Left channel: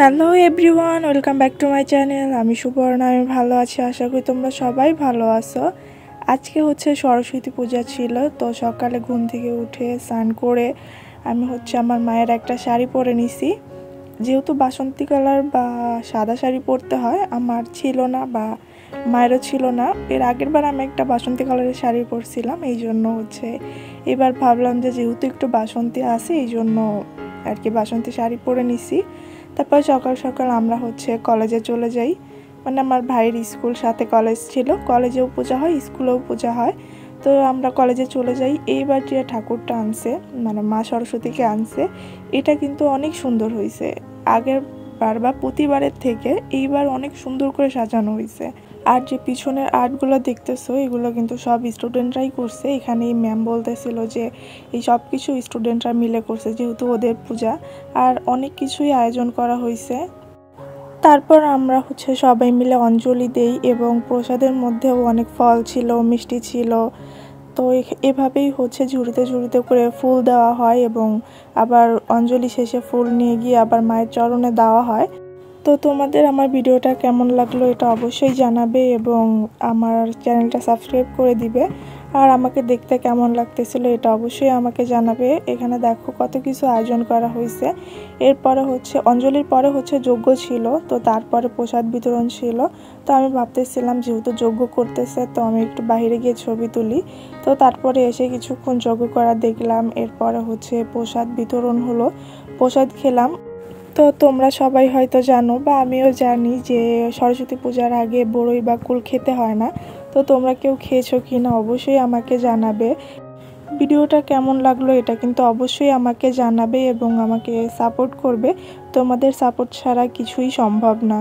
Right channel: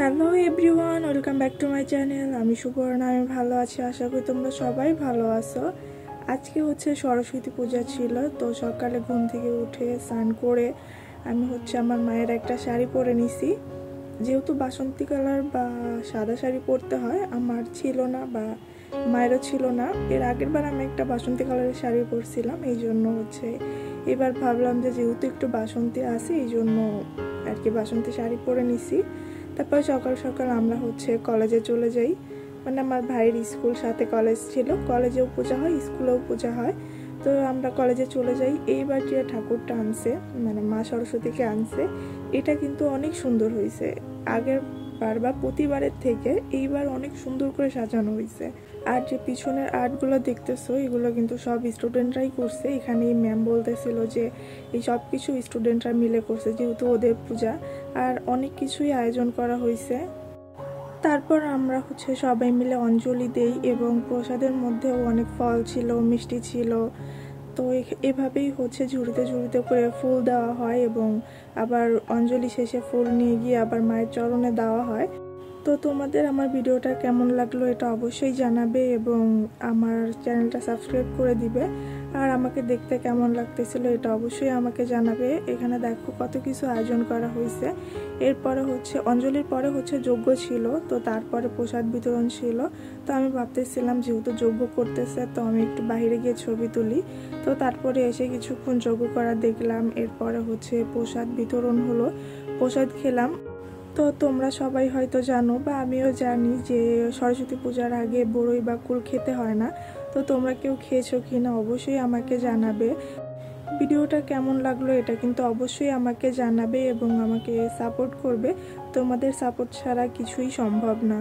Hello everyone, welcome back to my channel. আমি সুবর্ণা, আমি ভালো আছি। আশা করি তোমরা সবাই ভালো আছো। আজকে সরস্বতী পূজা ছিল, তো সকালে ঘুম থেকে উঠে স্নান করে আমি আমার মায়ের একটা শাড়ি পরে নিছি। যেহেতু বাসন্তী কালার বা সাদা শাড়ি পরতে হয়, আমার ছিল না বা মায়েরও ছিল না। এর আগের বার আমি একটা বাসন্তী কালারের শাড়ি পরছিলাম, এই জন্য এবার ভাবলাম যে যেহেতু একটু বাসন্তী আছে, এই জন্য আর কি বাসন্তী শাড়ি পরে নিছি। তারপর সকাল সকাল আমরা কলেজে চলে যাই। আমার ভাইয়ের স্কুল সাথে কলেজ ছিল, কলেজেও পূজা হয়, স্কুলেও পূজা হয়। তো আমরা কলেজে চলে যাই। এইবার যে ঠাকুরটা আনছে, মা সরস্বতীকে আনছে, এটা কিন্তু অনেক সুন্দর হয়েছে। আগের বার বা প্রতিবারের থেকে এইবার অনেক সুন্দর করে সাজানো হয়েছে। আর যে পিছনের আর্টগুলো দেখতেছো, এগুলো কিন্তু সব স্টুডেন্টরাই করছে। এখানে ম্যাম বলতেছিল যে এই সব কিছু স্টুডেন্টরা মিলে করছে, যেহেতু ওদের পূজা। আর অনেক কিছুই আয়োজন করা হয়েছে। তারপর আমরা সবাই মিলে অঞ্জলি দেই, এবং প্রসাদের মধ্যেও অনেক ফল ছিল, মিষ্টি ছিল। তো এভাবেই ঝুড়িতে ঝুড়িতে করে ফুল দেওয়া হয়, এবং আবার অঞ্জলি শেষে ফুল নিয়ে গিয়ে আবার মায়ের চরণে দেওয়া হয়। তো তোমাদের আমার ভিডিওটা কেমন লাগলো এটা অবশ্যই জানাবে, এবং আমার চ্যানেলটা সাবস্ক্রাইব করে দিবে। আর আমাকে দেখতে কেমন লাগতেছিল এটা অবশ্যই আমাকে জানাবে। এখানে দেখো কত কিছু আয়োজন করা হয়েছে। এরপরে অঞ্জলির পরে যজ্ঞ ছিল, তো তারপরে প্রসাদ বিতরণ ছিল। তো আমি ভাবতেছিলাম যেহেতু যজ্ঞ করতেছে, তো আমি একটু বাইরে গিয়ে ছবি তুলি। তো তারপরে এসে কিছুক্ষণ যজ্ঞ করা দেখলাম। এরপরে প্রসাদ বিতরণ হলো, প্রসাদ খেলাম। তো তোমরা সবাই হয়তো জানো বা আমিও জানি যে সরস্বতী পূজার আগে বড়ই বা কুল খেতে হয় না। তো তোমরা কেউ খেয়েছো কি না অবশ্যই আমাকে জানাবে। ভিডিওটা কেমন লাগলো এটা কিন্তু অবশ্যই আমাকে জানাবে, এবং আমাকে সাপোর্ট করবে। তোমাদের সাপোর্ট ছাড়া কিছুই সম্ভব না।